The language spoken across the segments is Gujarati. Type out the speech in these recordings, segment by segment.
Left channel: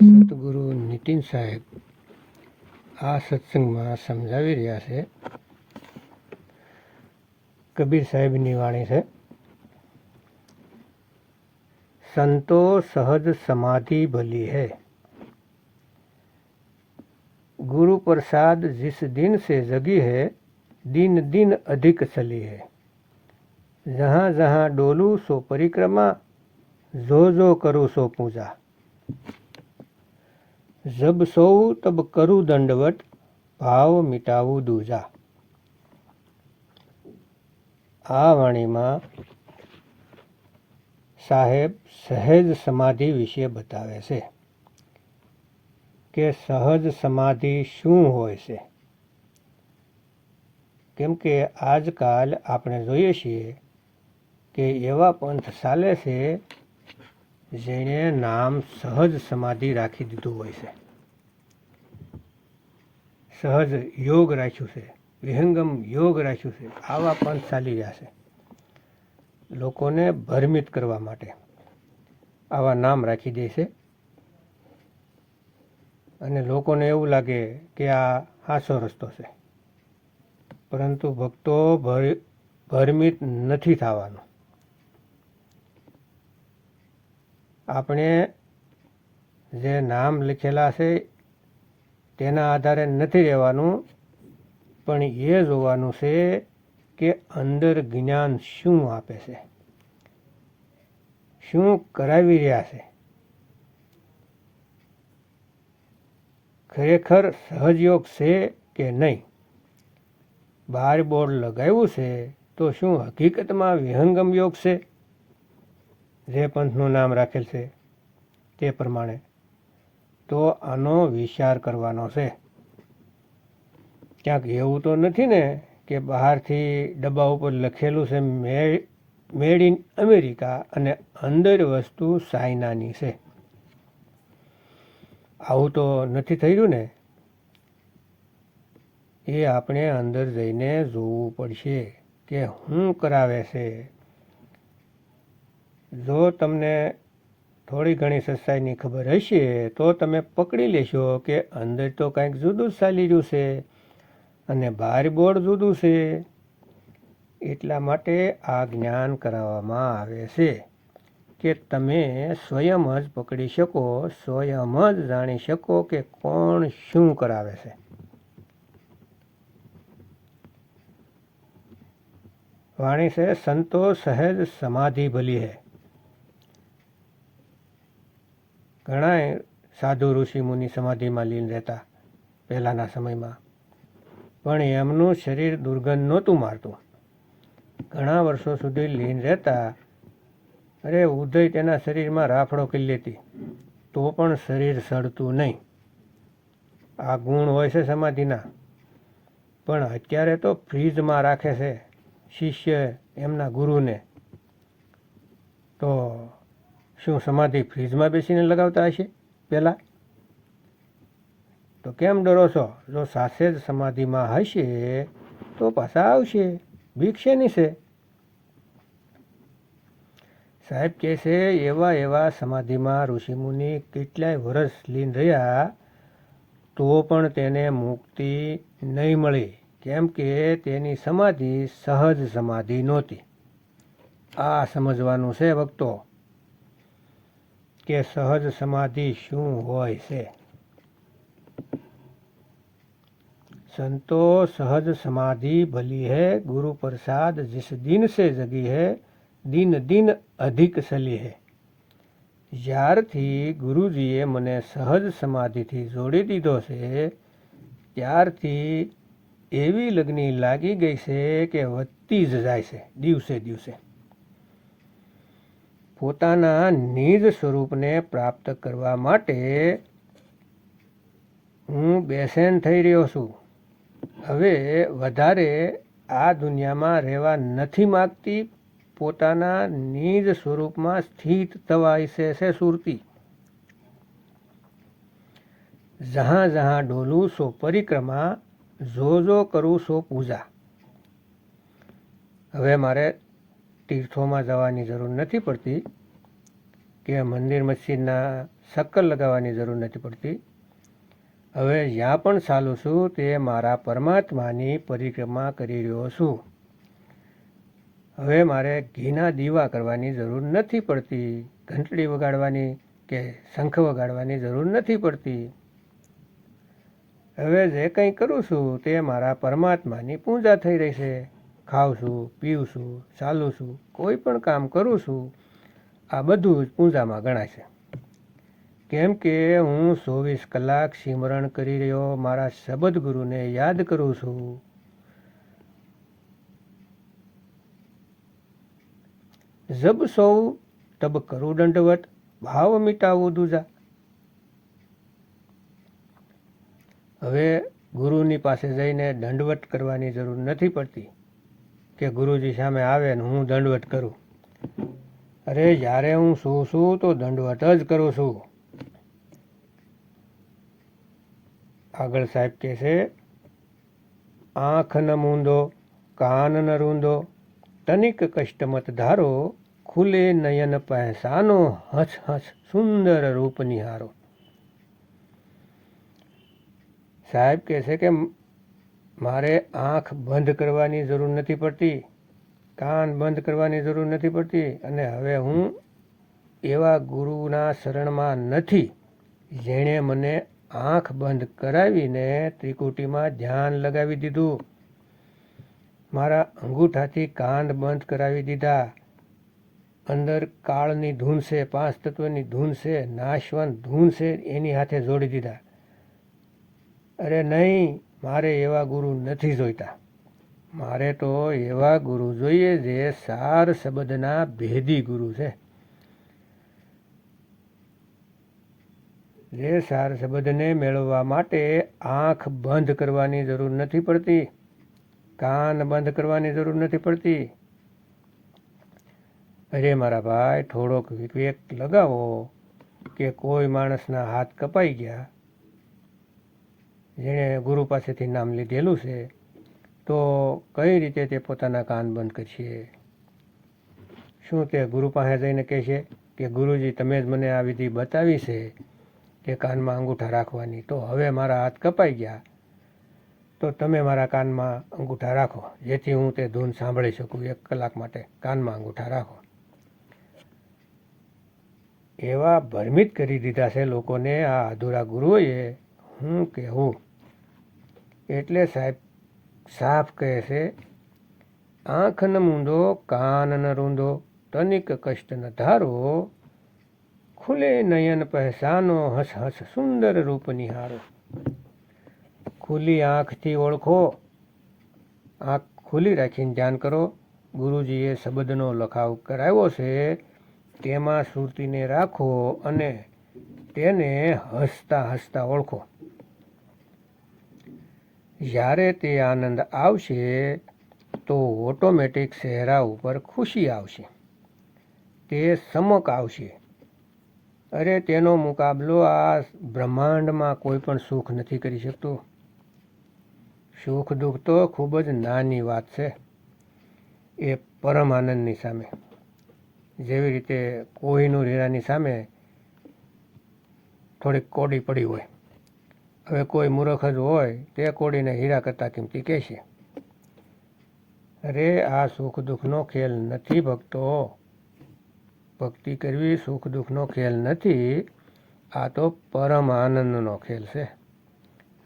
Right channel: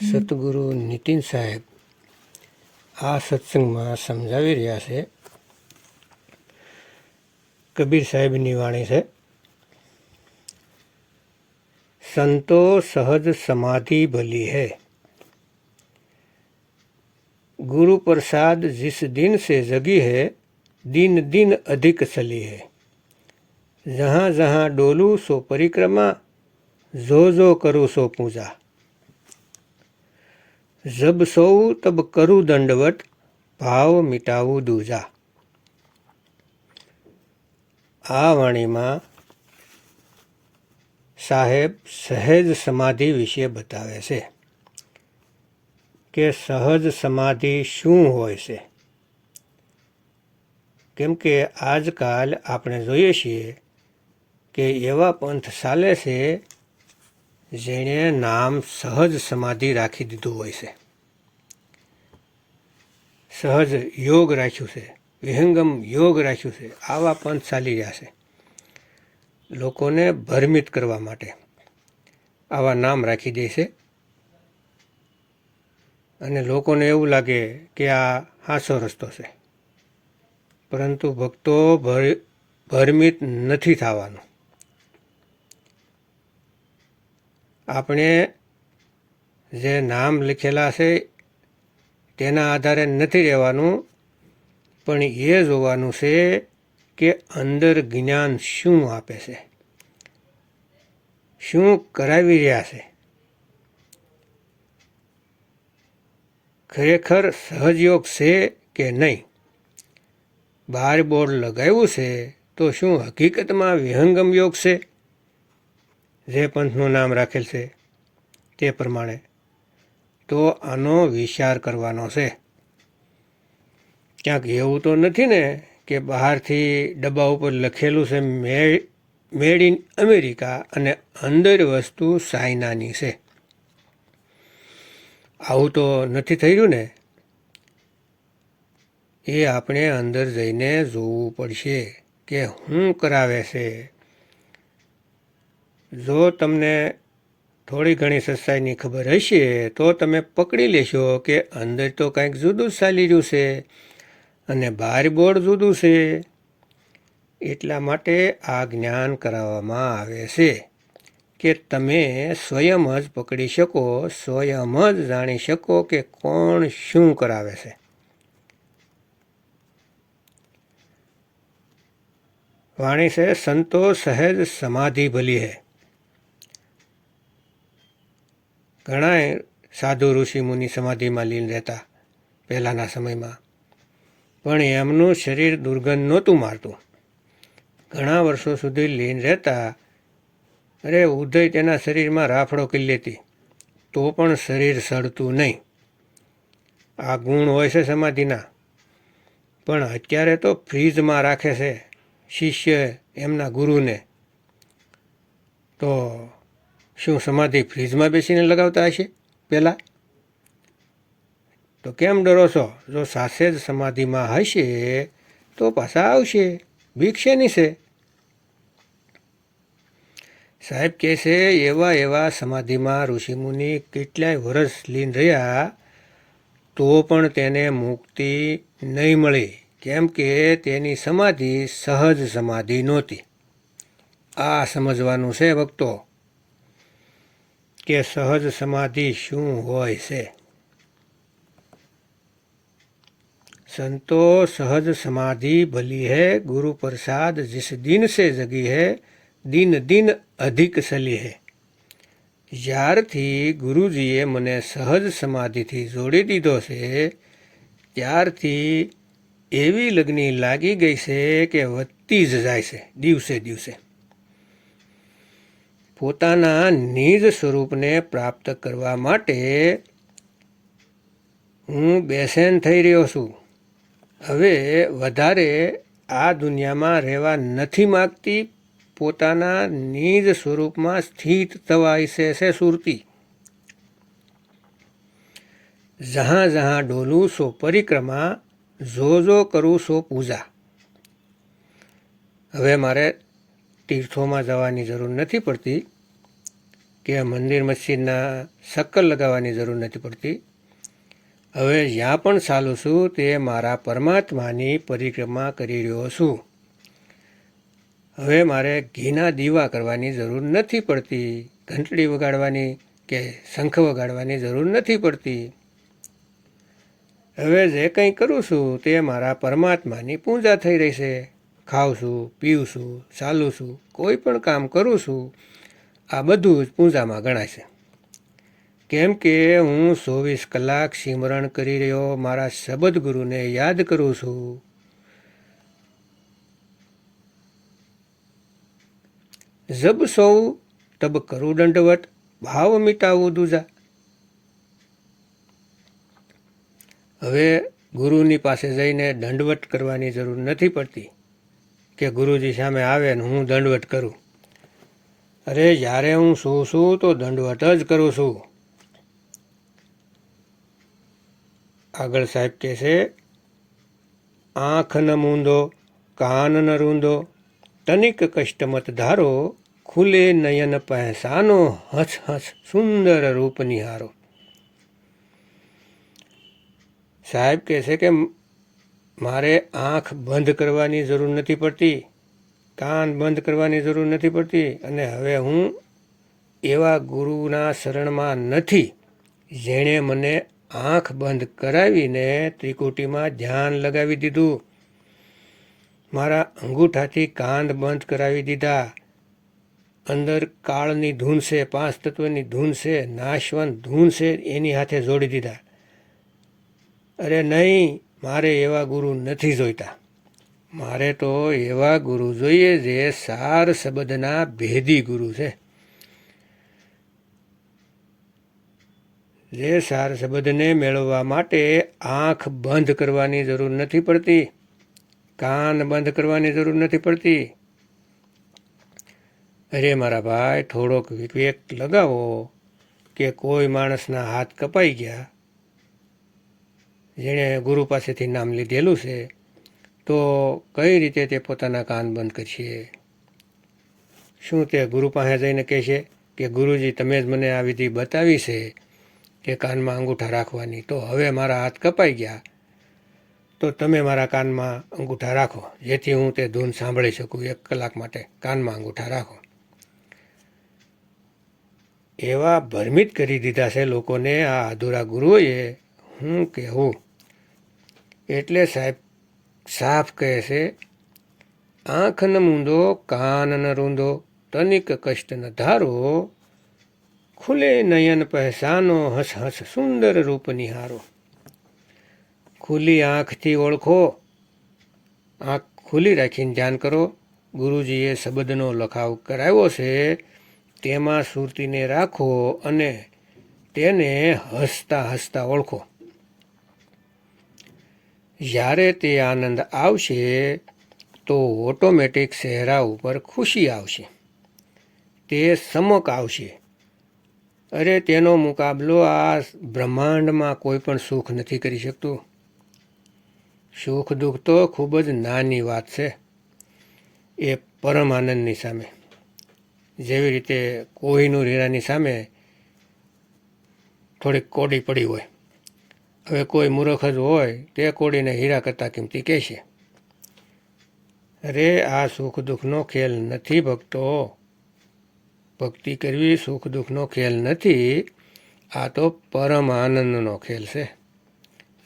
સતગુરુ નીતિન સાહેબ આ સત્સંગમાં સમજાવી રહ્યા છે કબીર સાહેબની વાણી છે સંતો સહજ સમાધિ ભલી है गुरु प्रसाद जिस दिन से जगी है दिन दिन अधिक चली है जहाँ जहाँ डोलू सो परिक्रमा जो जो करूँ सो पूजा જબ સૌ તબ કરું દંડવટ, ભાવ મિટાવું દૂજા. આ વાણીમાં સાહેબ સહેજ સમાધિ વિશે બતાવે છે કે સહજ સમાધિ શું હોય છે? કેમ કે આજકાલ આપણે જોઈએ છીએ કે એવા પંથ ચાલે છે જેણે નામ સહજ સમાધિ રાખી દીધું હોય છે. સહજ યોગ રાખ્યું છે, વિહંગમ યોગ રાખ્યું છે, આવા પંથ ચાલી રહ્યા છે. લોકોને ભ્રમિત કરવા માટે આવા નામ રાખી દે છે. અને લોકોને એવું લાગે કે આ હાસો રસ્તો છે. પરંતુ ભક્તો ભર- ભરમિત નથી થવાનું. આપણે જે નામ લખેલા છે તેના આધારે નથી રહેવાનું, પણ એ જોવાનું છે કે અંદર જ્ઞાન શું આપે છે. શું કરાવી રહ્યા છે? ખરેખર સહજયોગ છે કે નહીં? બાર બોર્ડ લગાવ્યું છે તો શું હકીકતમાં વિહંગમ યોગ છે? જે પંથનું નામ રાખેલ છે તે પ્રમાણે તો આનો વિચાર કરવાનો છે. ક્યાંક એવું તો નથી ને કે બહારથી ડબ્બા ઉપર લખેલું છે મે- મેડ ઇન અમેરિકા અને અંદર વસ્તુ ચાઇનાની છે. આવું તો નથી થઈ રહ્યું ને? એ આપણે અંદર જઈને જોવું પડશે કે શું કરાવે છે. જો તમને થોડી ઘણી સચ્ચાઈની ખબર હશે તો તમે પકડી લેશો કે અંદર તો કંઈક જુદું જ ચાલી રહ્યું છે અને બહાર બોર્ડ જુદું છે. એટલા માટે આ જ્ઞાન કરાવવામાં આવે છે કે તમે સ્વયં જ પકડી શકો, સ્વયં જ જાણી શકો કે કોણ શું કરાવે છે. વાણી છે, સંતો સહેજ સમાધિ ભલી હે. ઘણા સાધુ ઋષિ મુનિ સમાધિમાં લીન રહેતા પહેલાંના સમયમાં. પણ એમનું શરીર દુર્ગંધ નહોતું મારતું. ઘણા વર્ષો સુધી લીન રહેતા, અરે ઉદય તેના શરીરમાં રાફડો કરી લેતી. તો પણ શરીર સડતું નહીં. આ ગુણ હોય છે સમાધિના. પણ અત્યારે તો ફ્રીજમાં રાખે છે શિષ્ય એમના ગુરુને. તો શું સમાધિ ફ્રીજમાં બેસીને લગાવતા હશે? પહેલાં તો કેમ ડરો છો? જો સાસે જ સમાધિમાં હશે, તો પાછા આવશે. બીક નહીં છે સાહેબ કહે છે, એવા એવા સમાધિમાં ઋષિમુનિ કેટલાય વર્ષ લીન રહ્યા, તો પણ તેને મુક્તિ નહીં મળી. કેમ કે તેની સમાધિ સહજ સમાધિ નહોતી. આ સમજવાનું છે ભક્તો. કે સહજ સમાધિ શું હોય છે संतो सहज समाधि भली है गुरु प्रसाद जिस दिन से जगी है દિન દિન અધિક સલી હે જ્યારથી ગુરુજીએ મને સહજ સમાધિથી જોડી દીધો છે ત્યારથી એવી લગ્ની લાગી ગઈ છે કે વધતી જ જાય છે દિવસે દિવસે પોતાના નિજ સ્વરૂપને પ્રાપ્ત કરવા માટે હું બેસેન થઈ રહ્યો છું. હવે વધારે આ દુનિયામાં રહેવા નથી માગતી. પોતાના નિજ સ્વરૂપમાં સ્થિત થવા ઈચ્છે છે સુરતી. જહાં જહાં ડોલું સો પરિક્રમા, જો જો કરું સો પૂજા. હવે મારે તીર્થોમાં જવાની જરૂર નથી પડતી કે મંદિર મસ્જિદના શક્કર લગાવવાની જરૂર નથી પડતી. હવે જ્યાં પણ ચાલું છું તે મારા પરમાત્માની પરિક્રમા કરી રહ્યો છું. હવે મારે ઘીના દીવા કરવાની જરૂર નથી પડતી, ઘંટડી વગાડવાની કે શંખ વગાડવાની જરૂર નથી પડતી. હવે જે કંઈ કરું છું તે મારા પરમાત્માની પૂજા થઈ રહી છે. ખાઉં છું પીઉં છું ચાલું છું કોઈ પણ કામ કરું છું આ બધું જ પૂજામાં ગણાય છે કેમ કે હું ચોવીસ કલાક સિમરણ કરી રહ્યો, મારા શબદ ગુરુને યાદ કરું છું. જબ સૌ, તબ કરું દંડવટ ભાવ મિટાવું દૂજા. હવે ગુરુની પાસે જઈને દંડવટ કરવાની જરૂર નથી પડતી. કે ગુરુજી સામે આવે ને હું દંડવટ કરું. અરે જ્યારે હું શું છું તો દંડવટ જ કરું છું. આગળ સાહેબ કહે છે, આંખ ન મૂંદો, કાન ન રૂંદો, તનિક કષ્ટમત ધારો, ખુલે નયન પહેસાનો, હસ હસ સુંદર રૂપ નિહારો. સાહેબ કહે છે કે મારે આંખ બંધ કરવાની જરૂર નથી પડતી, કાન બંધ કરવાની જરૂર નથી પડતી અને હવે હું એવા ગુરુના શરણમાં નથી જેણે મને આંખ બંધ કરાવીને ત્રિકુટીમાં ધ્યાન લગાવી દીધું. મારા અંગૂઠાથી કાન બંધ કરાવી દીધા. અંદર કાળની ધૂન છે પાંચ તત્વની ધૂન છે, નાશવંત ધૂન છે એની હાથે જોડી દીધા. અરે નહીં મારે એવા ગુરુ નથી જોઈતા. મારે તો એવા ગુરુ જોઈએ જે સાર શબ્દના ભેદી ગુરુ છે. જે સાર શબ્દને મેળવવા માટે આંખ બંધ કરવાની જરૂર નથી પડતી, કાન બંધ કરવાની જરૂર નથી પડતી. અરે મારા ભાઈ, થોડોક વિવેક લગાવો કે કોઈ માણસના હાથ કપાઈ ગયા જેણે ગુરુ પાસેથી નામ લીધેલું છે, તો કઈ રીતે તે પોતાના કાન બંધ કરશે? શું તે ગુરુ પાસે જઈને કહેશે કે, ગુરુજી, તમે જ મને આ વિધિ બતાવી છે કે કાનમાં અંગૂઠા રાખવાની. તો હવે મારા હાથ કપાઈ ગયા. તો તમે મારા કાનમાં અંગૂઠા રાખો. જેથી હું તે ધૂન સાંભળી શકું એક કલાક માટે. કાનમાં અંગૂઠા રાખો. એવા ભ્રમિત કરી દીધા છે લોકોને આ અધૂરા ગુરુઓએ હું કહેવું? એટલે સાહેબ, સાફ કહે છે આંખ ન મૂંદો કાનન રૂંદો, તનિક કષ્ટ ન ધારો, ખુલે નયન પહેસાનો હસ હસ સુંદર રૂપ નિહારો. ખુલ્લી આંખથી ઓળખો, આંખ ખુલ્લી રાખીને ધ્યાન કરો. ગુરુજીએ શબ્દનો લખાવ કરાવ્યો છે, તેમાં સુરતીને રાખો અને તેને હસતા હસતા ઓળખો. જ્યારે તે આનંદ આવશે, તો ઓટોમેટિક ચહેરા ઉપર ખુશી આવશે. તે સમક આવશે. અરે, તેનો મુકાબલો આ બ્રહ્માંડમાં કોઈ પણ સુખ નથી કરી શકતું. સુખ દુઃખ તો ખૂબ જ નાની વાત છે. એ પરમ આનંદની સામે. જેવી રીતે કોહિનૂર હીરાની સામે થોડીક કોડી પડી હોય. હવે કોઈ મૂર્ખ જ હોય, તે કોડીને હીરા કરતાં કિંમતી કહેશે અરે, આ સુખ દુઃખનો ખેલ નથી ભક્તો. ભક્તિ કરવી સુખ દુઃખનો ખેલ નથી, આ તો પરમ આનંદનો ખેલ છે,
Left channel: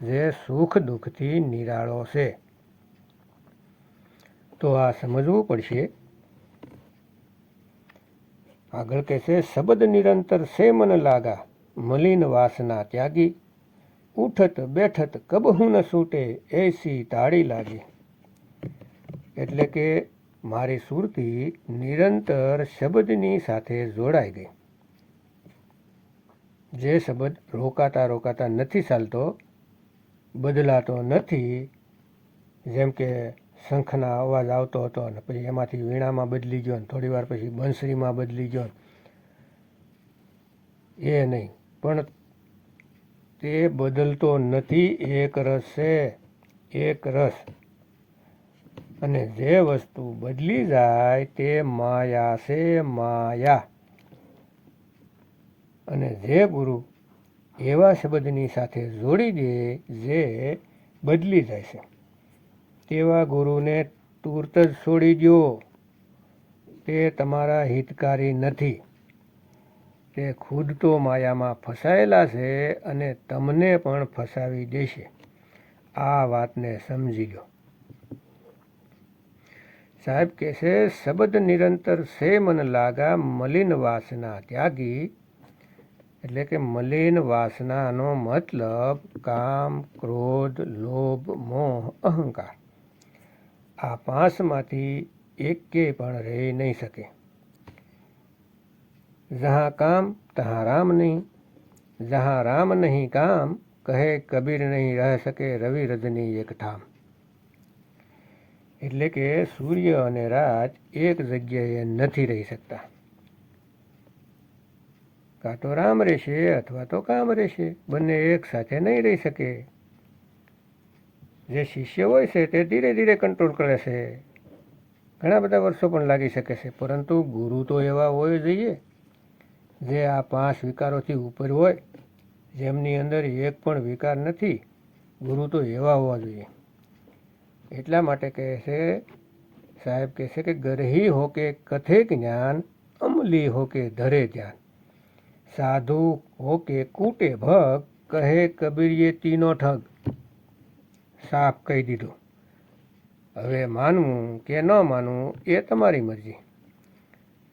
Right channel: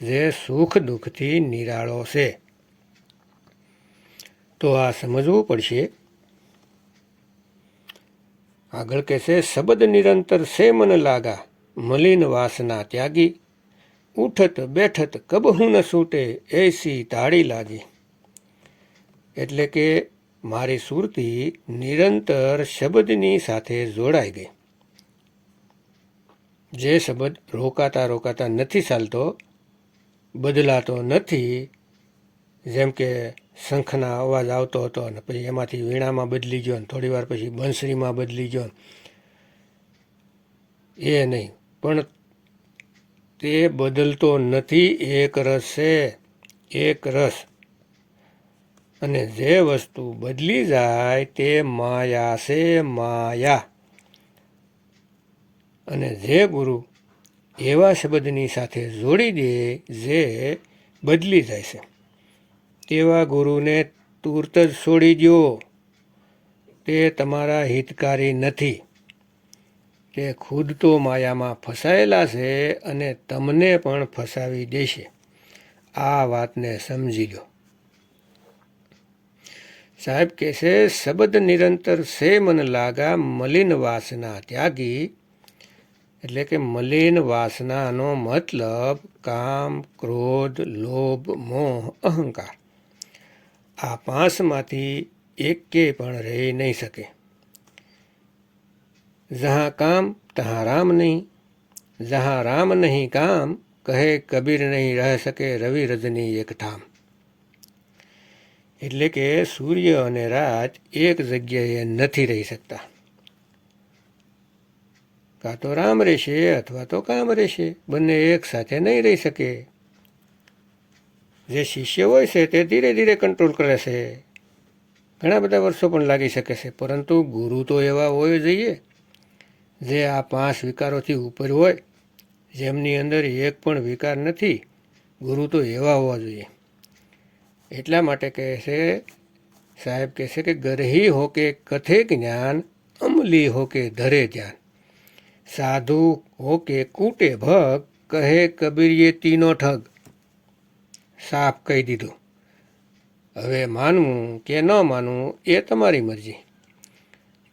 જે સુખ દુઃખથી નિરાળો છે. તો આ સમજવું પડશે. આગળ કહેશે, શબ્દ નિરંતર સે મન લાગા, મલિન વાસના ત્યાગી. ઉઠત, બેઠત કબહું ન છૂટે એસી તાળી લાગી. એટલે કે મારી સુરતી નિરંતર શબ્દની સાથે જોડાઈ ગઈ. જે શબ્દ રોકાતા રોકાતા નથી ચાલતો, બદલાતો નથી, જેમ કે શંખના અવાજ આવતો હતો અને પછી એમાંથી વીણામાં બદલી ગયો ને થોડી વાર પછી બંસરીમાં બદલી ગયો. એ નહીં, પણ તે બદલતો નથી, એક રસ છે, એક રસ. અને જે વસ્તુ બદલી જાય તે માયા છે, માયા. અને જે ગુરુ એવા શબ્દની સાથે જોડી દે જે બદલી જાય છે. તેવા ગુરુને તુરત જ છોડી દો તે તમારા હિતકારી નથી. તે ખુદ તો માયામાં ફસાયેલા છે અને તમને પણ ફસાવી દેશે. આ વાતને સમજી લો. સાહેબ કહેશે, શબ્દ નિરંતર સે મન લાગા મલિન વાસના ત્યાગી. એટલે કે મલિન વાસનાનો મતલબ કામ, ક્રોધ, લોભ, મોહ, અહંકાર. આ પાંચમાંથી એકે પણ રહી નહીં શકે. જહાં કામ તહાં રામ નહીં જહાં રામ નહીં કામ કહે કબીર નહીં રહી શકે રવિ રજની એક ધામ એટલે કે સૂર્ય અને રાત એક જગ્યાએ નથી રહી શકતા। કાં તો રામ રહેશે અથવા તો કામ રહેશે, બંને એક સાથે નહીં રહી શકે। જે શિષ્ય હોય છે તે ધીરે ધીરે કંટ્રોલ કરે છે। ઘણા બધા વર્ષો પણ લાગી શકે છે, પરંતુ ગુરુ તો એવા હોવા જોઈએ। જે આ પાંચ વિકારોથી ઉપર હોય, જેમની અંદર એક પણ વિકાર નથી, ગુરુ તો એવા હોવા જોઈએ. એટલા માટે કહે છે, સાહેબ કહે છે કે ગરહી હો કે કથે જ્ઞાન, અમલી હો કે ધરે ધ્યાન. સાધુ હો કે કૂટે ભગ, કહે કબીરીએ તીનો ઠગ. સાફ કહી દીધું. હવે માનવું કે ન માનવું એ તમારી મરજી.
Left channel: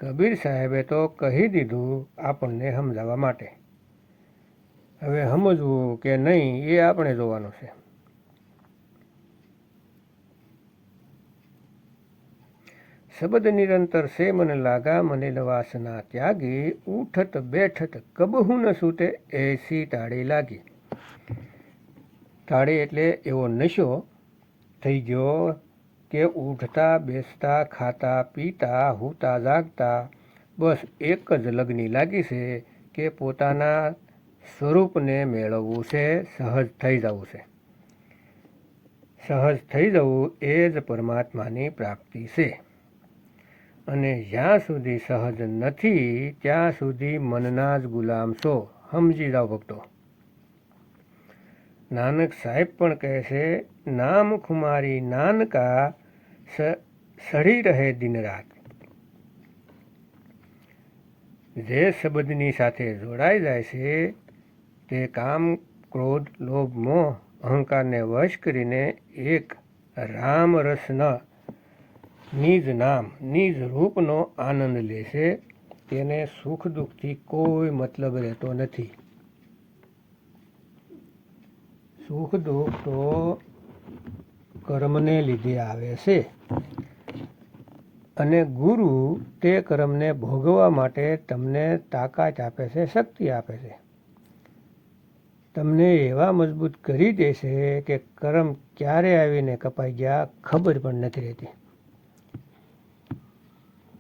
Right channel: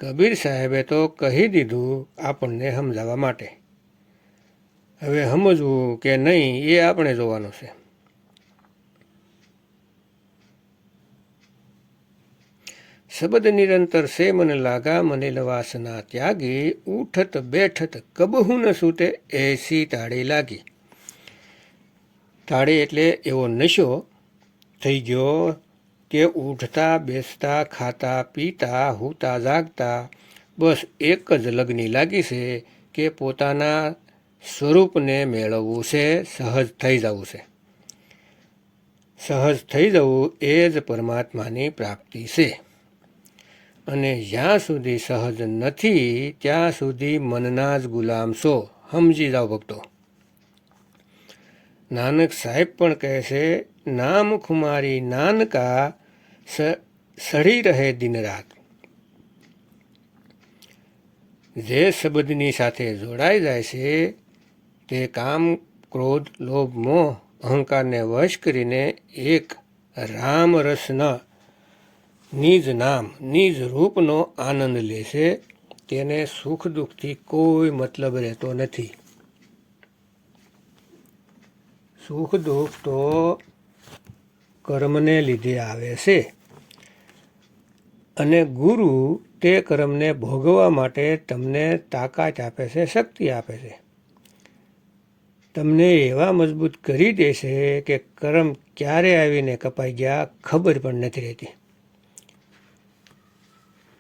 કબીર સાહેબે તો કહી દીધું આપણને સમજાવવા માટે. હવે સમજવું કે નહીં એ આપણે જોવાનું છે. શબ્દ નિરંતર સે મને લાગા મને લવાસના ત્યાગી, ઉઠત બેઠત કબહુ ન સૂટે, એસી તાળી લાગી. તાળી એટલે એવો નશો થઈ ગયો કે ઉઠતા બેસતા, ખાતા, પીતા, હૂતા, જાગતા, બસ એક જ લગ્ની લાગી છે કે પોતાના સ્વરૂપને મેળવવું છે, સહજ થઈ જવું છે. સહજ થઈ જવું એ જ પરમાત્માની પ્રાપ્તિ છે. અને જ્યાં સુધી સહજ નથી, ત્યાં સુધી મનના જ ગુલામ છો, સમજી જાઓ ભક્તો. નાનક સાહેબ પણ કહે છે, નામ ખુમારી નાનકા સડી રહે દિન રાત. જે શબ્દની સાથે જોડાઈ જાય છે, તે કામ, ક્રોધ, લોભ, મોહ, અહંકારને વશ કરીને એક રામ રસના નિજ નામ નિજ રૂપનો આનંદ લે છે, તેને સુખ દુઃખથી કોઈ મતલબ રહેતો નથી. સુખ દુઃખ તો કર્મને લીધે આવે છે. અને ગુરુ તે કર્મને ભોગવવા માટે તમને તાકાત આપે છે, શક્તિ આપે છે. તમને એવા મજબૂત કરી દેશે કે કર્મ ક્યારે આવીને કપાઈ ગયા ખબર પણ નથી રહેતી.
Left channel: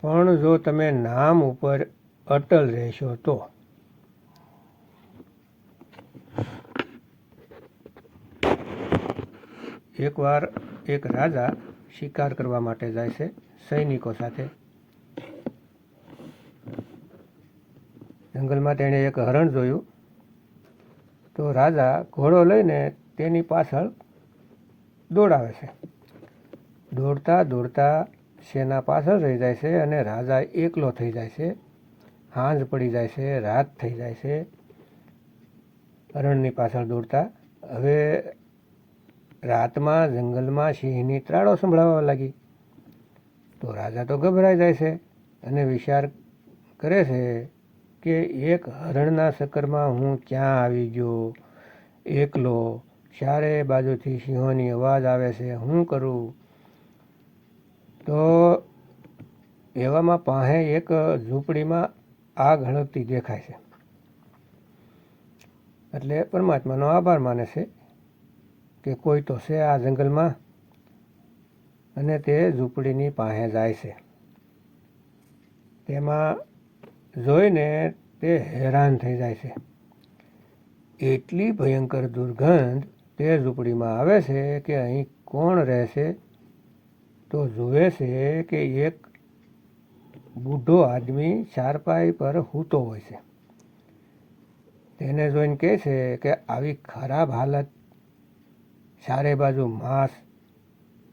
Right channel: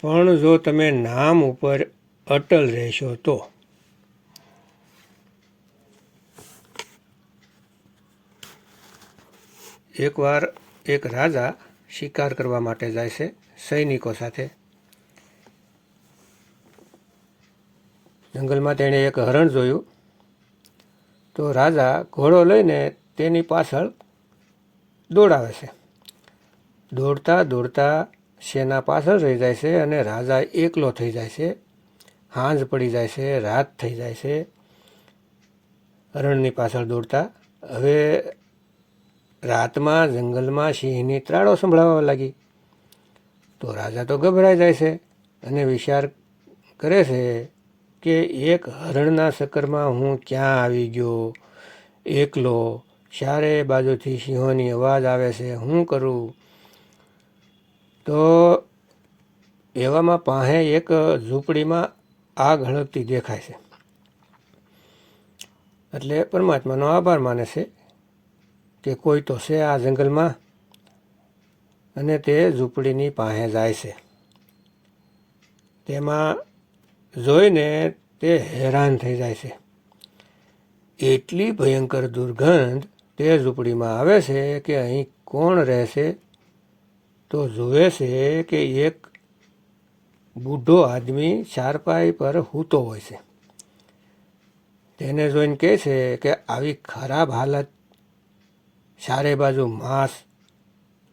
પણ જો તમે નામ ઉપર અટલ રહેશો તો એકવાર એક રાજા શિકાર કરવા માટે જાય છે સૈનિકો સાથે. જંગલમાં તેણે એક હરણ જોયું. તો રાજા ઘોડો લઈને તેની પાછળ દોડાવે છે. દોડતા દોડતા સેના પાછળ રહી જાય છે અને રાજા એકલો થઈ જાય છે. હાંજ પડી જાય છે, રાત થઈ જાય છે. હરણની પાછળ દોડતા. હવે રાતમાં જંગલમાં સિંહની ત્રાળો સંભળાવવા લાગી. તો રાજા તો ગભરાઈ જાય છે અને વિચાર કરે છે કે એક હરણના ચક્કરમાં હું ક્યાં આવી ગયો? એકલો ચારે બાજુથી સિંહોની અવાજ આવે છે, હું કરું? તો એવામાં પાસે એક ઝૂંપડીમાં આગ હળગતી દેખાય છે. એટલે પરમાત્માનો આભાર માને છે કે કોઈ તો છે આ જંગલમાં અને તે ઝૂંપડીની પાસે જાય છે. તેમાં જોઈને તે હેરાન થઈ જાય છે. એટલી ભયંકર દુર્ગંધ તે ઝૂંપડીમાં આવે છે કે અહીં કોણ રહેશે તો જુએ છે કે એક બુઢો આદમી ચારપાઈ પર હૂતો હોય છે. તેને જોઈને કહે છે કે આવી ખરાબ હાલત ચારે બાજુ માંસ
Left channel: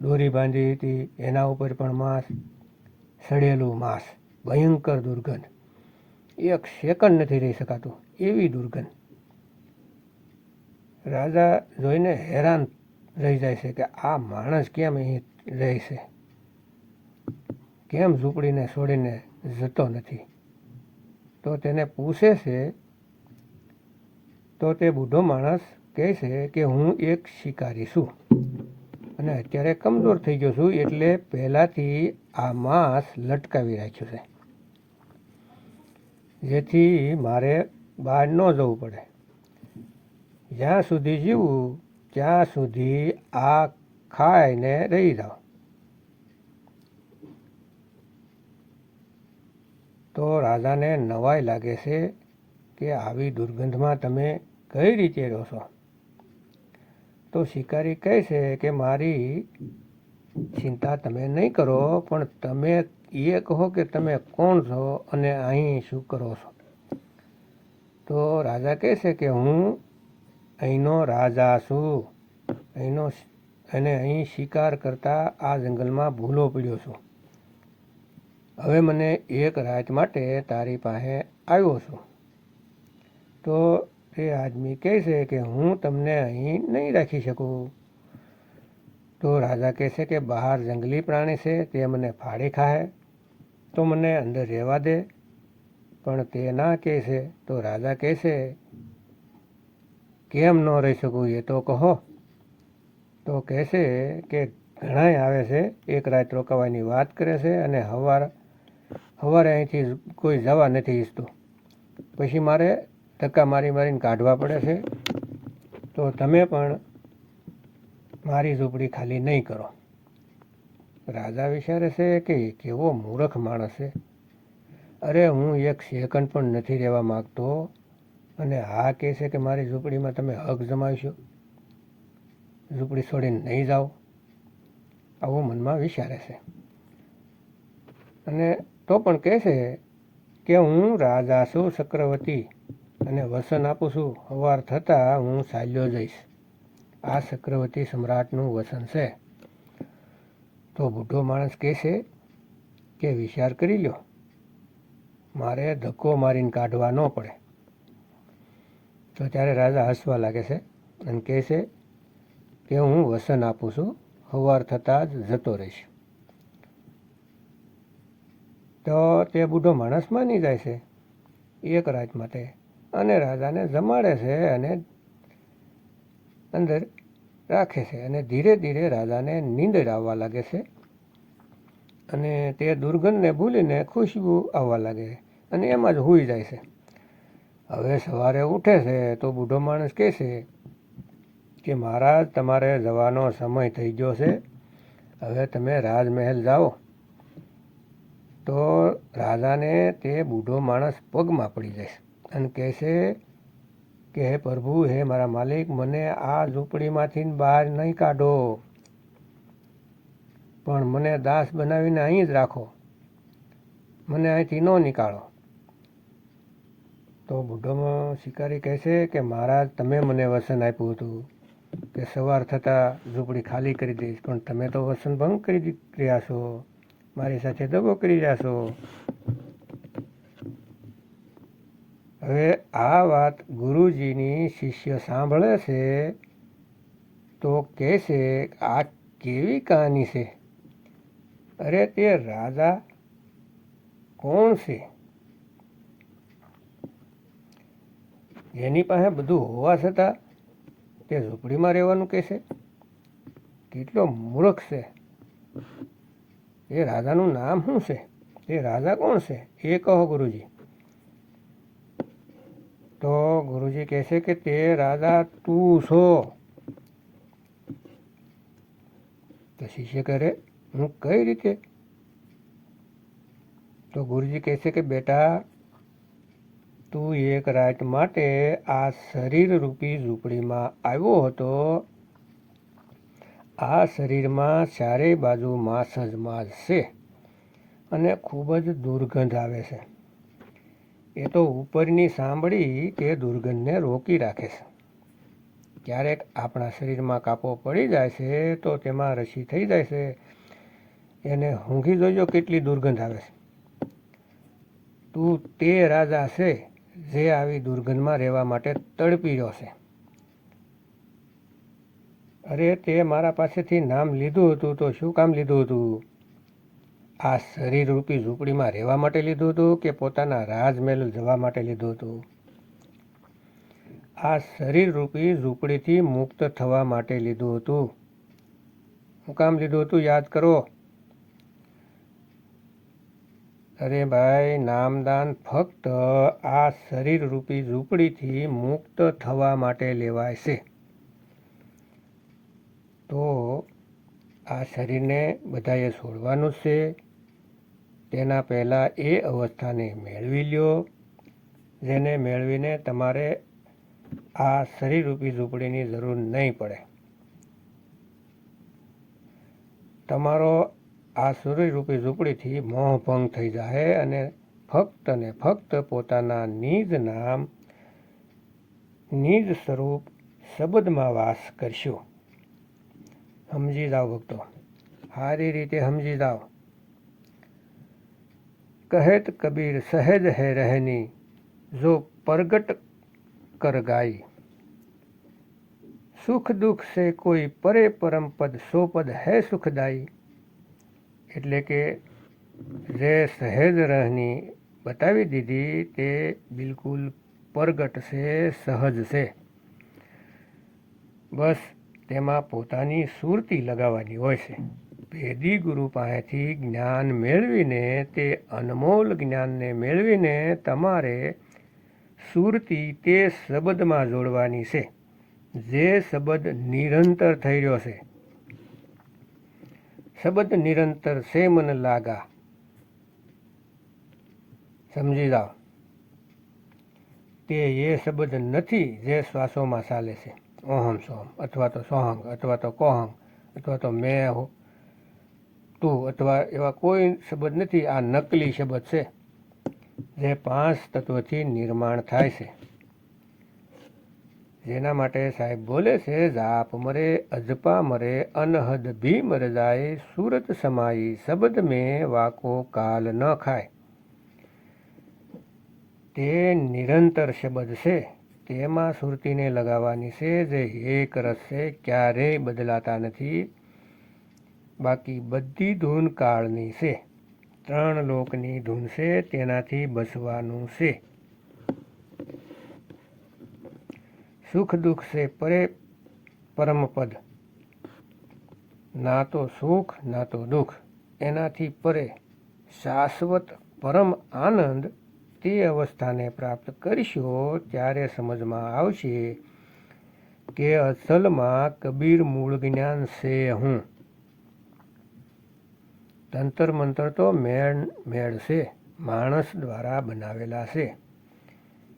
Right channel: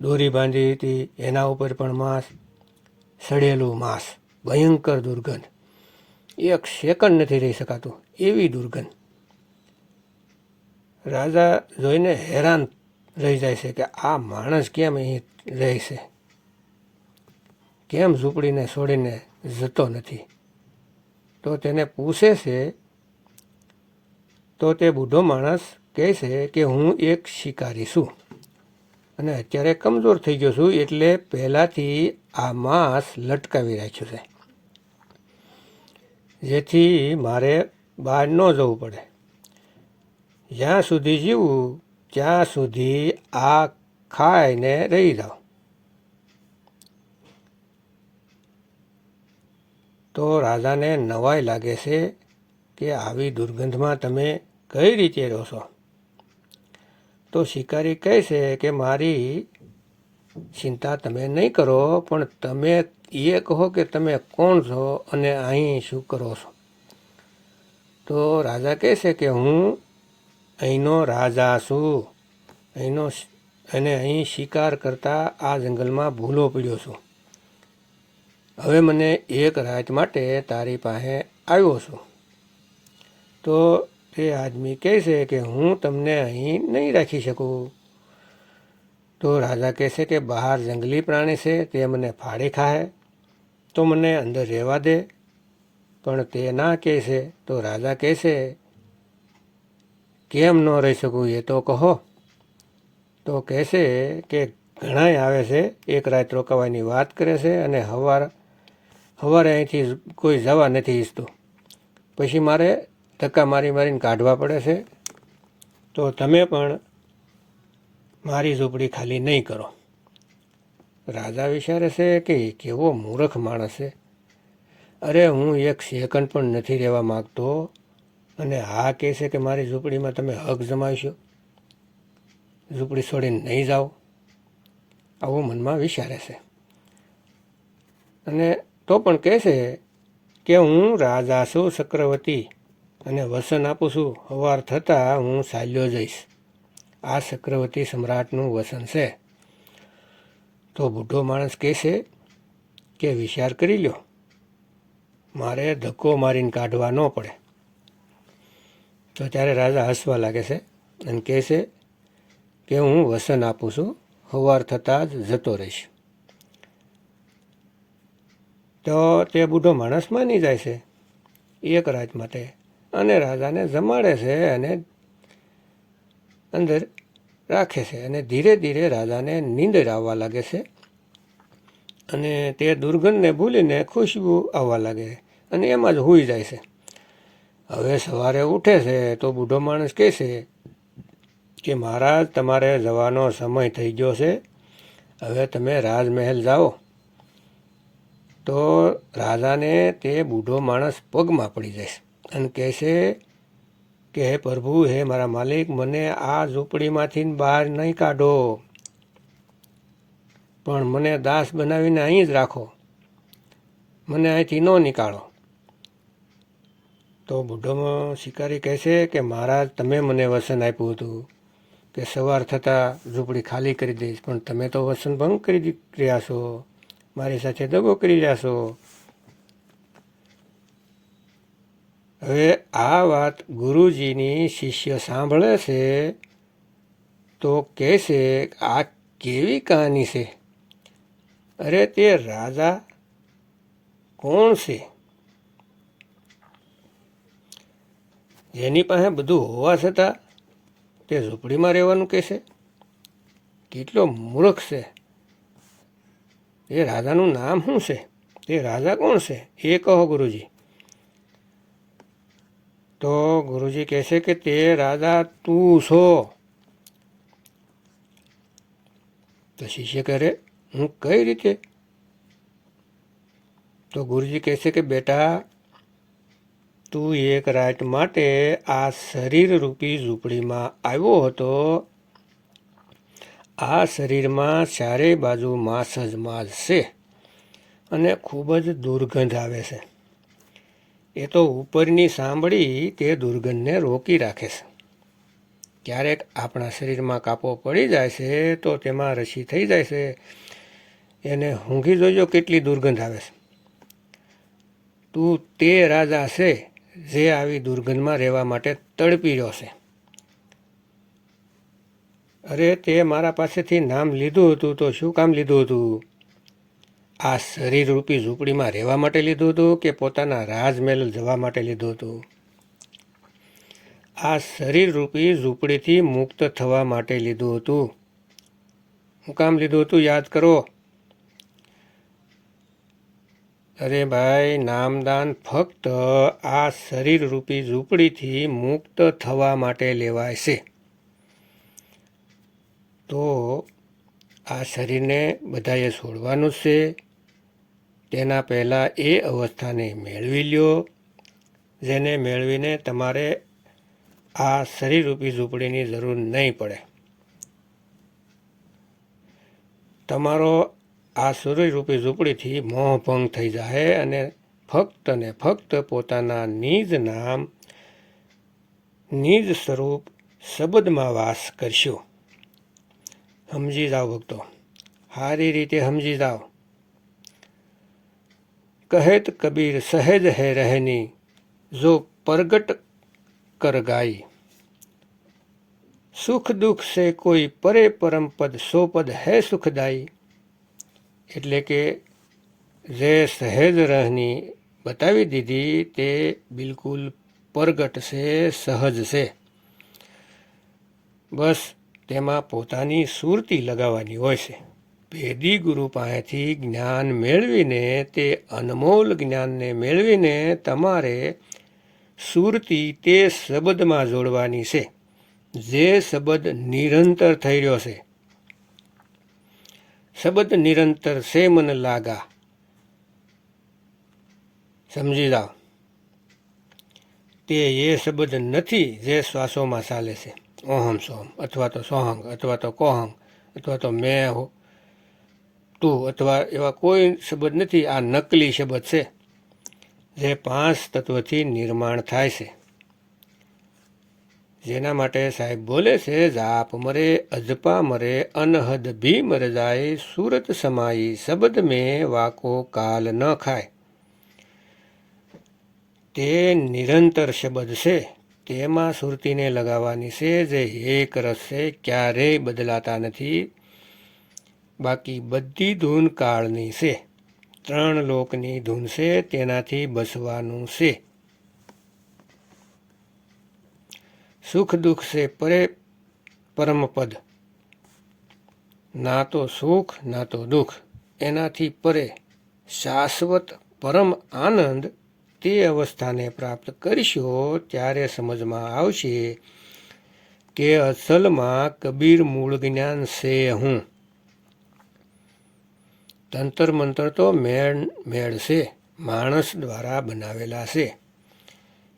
દોરી બાંધી હતી, એના ઉપર પણ માંસ, સડેલું માંસ, ભયંકર દુર્ગંધ. એક સેકન્ડ નથી રહી શકાતું એવી દુર્ગંધ. રાજા જોઈને હેરાન રહી જાય છે કે આ માણસ કેમ અહીં રહે છે? કેમ ઝૂંપડીને છોડીને જતો નથી? તો તેને પૂછે છે, તો તે બુઢો માણસ કહે છે કે હું એક શિકારી છું. અને અત્યારે કમજોર થઈ ગયો છું એટલે પહેલાંથી આ માંસ લટકાવી રાખ્યું છે. જેથી મારે બહાર ન જવું પડે. જ્યાં સુધી જીવું, ત્યાં સુધી આ ખાઈને રહી જાઓ તો રાજાને નવાઈ લાગે છે કે આવી દુર્ગંધમાં તમે કઈ રીતે રહો છો? તો શિકારી કહે છે કે, મારી ચિંતા તમે નહીં કરો, પણ તમે એ કહો કે તમે કોણ છો અને અહીં શું કરો છો? તો રાજા કહે છે કે, હું અહીંનો રાજા છું. અહીંનો અને અહીં શિકાર કરતા આ જંગલમાં ભૂલો પડ્યો છું. હવે મને એક રાત માટે તારી પાસે આવ્યો છું. તો તે આદમી કહેશે કે હું તમને અહીં નહીં રાખી શકું. તો રાજા કહે છે કે બહાર જંગલી પ્રાણી છે, તે મને ફાળે ખાય, તો મને અંદર રહેવા દે. પણ તે ના કહેશે તો રાજા કહે છે, કેમ ન રહી શકું એ તો કહો. તો કહેશે કે ઘણાય આવે છે, એક રાત રોકાવાની વાત કરે છે અને સવાર સવારે અહીંથી કોઈ જવા નથી ઈચ્છતું. પછી મારે ધક્કા મારી મારીને કાઢવા પડે છે, તો તમે પણ મારી ઝૂંપડી ખાલી નહીં કરો. રાજા વિચારે છે કે કેવો મૂર્ખ માણસ છે. અરે, હું એક સેકન્ડ પણ નથી રહેવા માગતો અને હા કહે છે કે મારી ઝૂંપડીમાં તમે હક જમાવશો. ઝૂંપડી છોડીને નહીં જાઓ. આવું મનમાં વિચારે છે. અને તો પણ કહે છે કે હું રાજા છું, ચક્રવર્તી. અને વસન આપું છું. સવાર થતાં હું સાલ્યો જઈશ. આ ચક્રવર્તી સમ્રાટનું વસન છે. તો બુઢો માણસ કહે છે કે વિચાર કરી લ્યો. મારે ધક્કો મારીને કાઢવા ન પડે. તો ત્યારે રાજા હસવા લાગે છે અને કહે છે કે હું વસન આપું છું. સવાર થતાં જ જતો રહીશ. તો તે બુઢો માણસ માની જાય છે. એક રાત માટે અને રાજાને જમાડે છે અને અંદર રાખે છે અને ધીરે ધીરે રાજાને નીંદર આવવા લાગે છે. અને તે દુર્ગંધને ભૂલીને ખુશ્બુ આવવા લાગે અને એમાં જ હોઈ જાય છે. હવે સવારે ઉઠે છે તો બુઢો માણસ કહે છે કે, મહારાજ, તમારે જવાનો સમય થઈ ગયો છે. હવે તમે રાજમહેલ જાઓ. તો રાજાને તે બુઢો માણસ પગમાં પડી જશે અને કહેશે કે, હે પ્રભુ, હે મારા માલિક, મને આ ઝૂંપડીમાંથી બહાર નહીં કાઢો. પણ મને દાસ બનાવીને અહીં જ રાખો. મને અહીંથી ન નીકાળો. તો બુઢોમાં શિકારી કહેશે કે, મહારાજ, તમે મને વસન આપ્યું હતું કે સવાર થતાં ઝૂંપડી ખાલી કરી દઈશ, પણ તમે તો વસન ભંગ કરી રહ્યા છો. મારી સાથે દગો કરી રહ્યા છો. હવે આ વાત ગુરુજીની શિષ્ય સાંભળે છે તો કહેશે આ કેવી કહાની છે? અરે તે રાજા કોણ છે? જેની પાસે બધું હોવા છતાં તે ઝૂંપડીમાં રહેવાનું કહેશે? કેટલો મૂર્ખ છે? એ રાજાનું નામ શું છે? તે રાજા કોણ છે? એ કહો ગુરુજી. તો ગુરુજી કહેશે કે તે રાજા તું છો. તો શિષ્ય કરે હું કઈ રીતે? તો ગુરુજી કહેશે કે, બેટા, તું એક રાત માટે આ શરીર રૂપી ઝૂંપડીમાં આવ્યો હતો. આ શરીરમાં ચારેય બાજુ માંસ જ માંસ છે અને ખૂબ જ દુર્ગંધ આવે છે. એ તો ઉપરની સાંભળી તે દુર્ગંધને રોકી રાખે છે. ક્યારેક આપણા શરીરમાં કાપો પડી જાય છે તો તેમાં રસી થઈ જાય છે. એને ઊંઘી જોજો કેટલી દુર્ગંધ આવે છે. તું તે રાજા છે જે આવી દુર્ગંધમાં રહેવા માટે તડપી રહ્યો છે. અરે તે મારા પાસેથી નામ લીધું હતું તો શું કામ લીધું હતું? આ શરીરરૂપી ઝૂંપડીમાં રહેવા માટે લીધું હતું કે પોતાના રાજમહેલ જવા માટે લીધું હતું? આ શરીરરૂપી ઝૂંપડીથી મુક્ત થવા માટે લીધું હતું. હું કામ લીધું હતું યાદ કરો? અરે ભાઈ, નામદાન ફક્ત આ શરીરરૂપી ઝૂંપડીથી મુક્ત થવા માટે લેવાય છે. તો આ શરીરને બધાએ છોડવાનું છે. તેના પહેલાં એ અવસ્થાને મેળવી લ્યો, જેને મેળવીને તમારે આ શરીરરૂપી ઝૂંપડીની જરૂર નહીં પડે. તમારો આ સૂર્યરૂપી ઝૂંપડીથી મોહભંગ થઈ જાય અને ફક્ત ને ફક્ત પોતાના નિજ નામ, નિજ સ્વરૂપ શબ્દમાં વાસ કરશો. સમજી જાઓ ભક્તો. સારી રીતે સમજી જાઓ. કહેત કબીર સહેજ હે રહેની, જો પ્રગટ કર ગાઈ. સુખ દુઃખ સે કોઈ પરે પરમ પદ, સો પદ હે સુખદાયી એટલે કે જે સહેજ રહની બતાવી દીધી તે બિલકુલ પ્રગટ છે સહજ છે બસ તેમાં પોતાની સુરતી લગાવવાની હોય છે. ભેદી ગુરુ પાસેથી જ્ઞાન મેળવીને તે અનમોલ જ્ઞાનને મેળવીને તમારે સુરતી તે શબ્દમાં જોડવાની છે. જે શબ્દ નિરંતર થઈ રહ્યો છે. શબ્દ નિરંતર છે મને લાગા. સમજી જાઓ. તે એ શબ્દ નથી જે શ્વાસોમાં ચાલે છે. ઓહમ સોહમ, અથવા તો સોહંગ, અથવા તો કોહંગ, અથવા તો મેં તું અથવા એવા કોઈ શબ્દ નથી, આ નકલી શબ્દ છે, જે પાંચ તત્વથી નિર્માણ થાય છે. જેના માટે સાહેબ બોલે છે, જાપ મરે, અજપા મરે, અનહદ ભી મર જાય સુરત સમાઈ શબ્દ મેં વાકો કાલ ન ખાય. તે નિરંતર શબ્દ છે, તેમાં સુરતીને લગાવવાની છે, જે એક રસ છે, ક્યારેય બદલાતા નથી બાકી બધી ધૂન કાળની છે. ત્રણ લોકની ધૂન છે, તેનાથી બસવાનું છે. સુખ દુઃખ છે પરે પરમપદ. ના તો સુખ, ના તો દુઃખ. એનાથી પરે શાશ્વત પરમ આનંદ તે અવસ્થાને પ્રાપ્ત કરશો ત્યારે સમજમાં આવશે કે અસલમાં કબીર મૂળ જ્ઞાન છે હું. તંત્ર મંત્ર તો મેળ મેળ છે. માણસ દ્વારા બનાવેલા છે.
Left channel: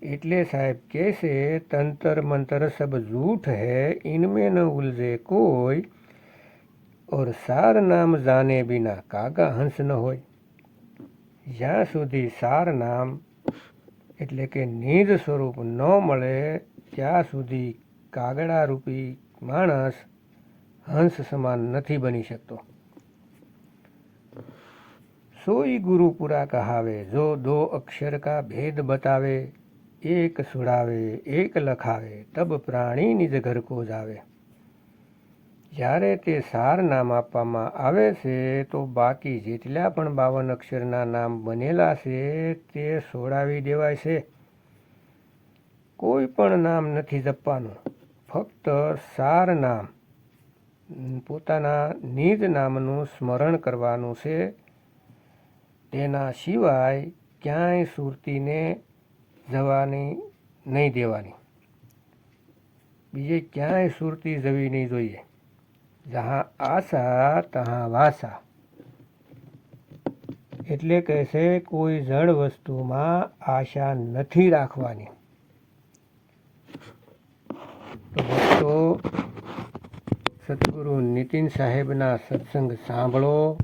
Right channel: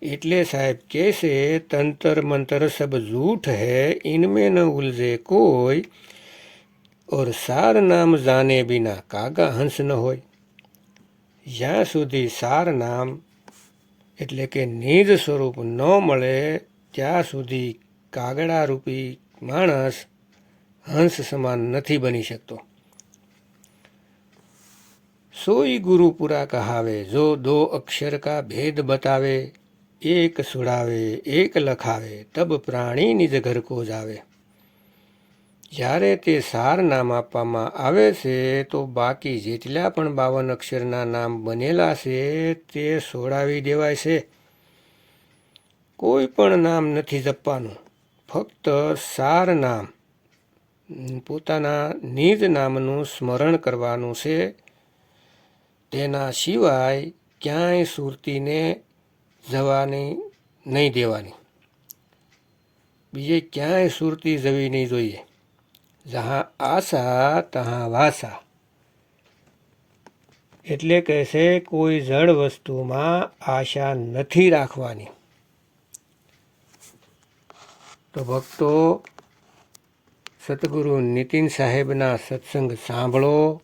એટલે સાહેબ કહે છે, તંત્ર મંત્ર સબ જૂઠ હૈ, ઇનમે ન ઉલઝે કોઈ, ઓર સાર નામ જાને બિના કાગા હંસ ન હોય. જ્યાં સુધી સાર નામ, એટલે કે નિજ સ્વરૂપ ન મળે, ત્યાં સુધી કાગડારૂપી માણસ હંસ સમાન નથી બની શકતો. ગુરુ પૂરા કહાવે, જો દો અક્ષર કા ભેદ બતાવે, એક સુડાવે, એક લખાવે, તબ પ્રાણી નિજ ઘર કો જાવે. જ્યારે તે સાર નામ આપવામાં આવે છે, તો બાકી જેટલા પણ બાવન અક્ષરના નામ બનેલા છે, તે સોડાવી દેવાય છે. કોઈ પણ નામ નથી જપવાનું. ફક્ત સાર નામ, પોતાના નિજ નામનું સ્મરણ કરવાનું છે. તેના સિવાય ક્યાંય સુરતીને જવાની નહીં દેવાની. બીજે ક્યાંય સુરતી જવી નહીં જોઈએ. જહાં આશા તહાં વાસા. એટલે કહે છે, કોઈ જળ વસ્તુમાં આશા નથી રાખવાની. તો ભક્તો, સદગુરુ નીતિન સાહેબના સત્સંગ સાંભળો.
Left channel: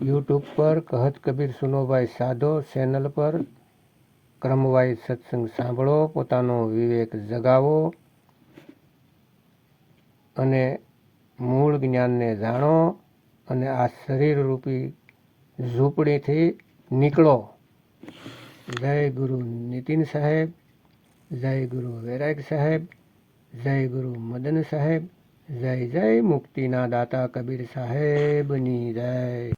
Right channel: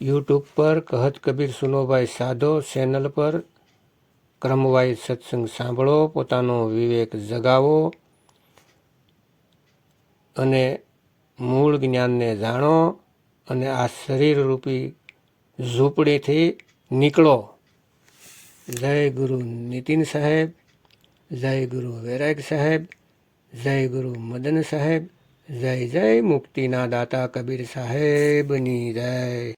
યુટ્યુબ પર કહત કબીર સુનોભાઈ સાધો ચેનલ પર ક્રમવાઇઝ સત્સંગ સાંભળો, પોતાનો વિવેક જગાવો અને મૂળ જ્ઞાનને જાણો અને આ શરીરરૂપી ઝૂંપડીથી નીકળો. જય ગુરુ નીતિન સાહેબ, જય ગુરુ વૈરાગ સાહેબ, જય ગુરુ મદન સાહેબ, જય જય મુક્તિના દાતા કબીર સાહેબની જય.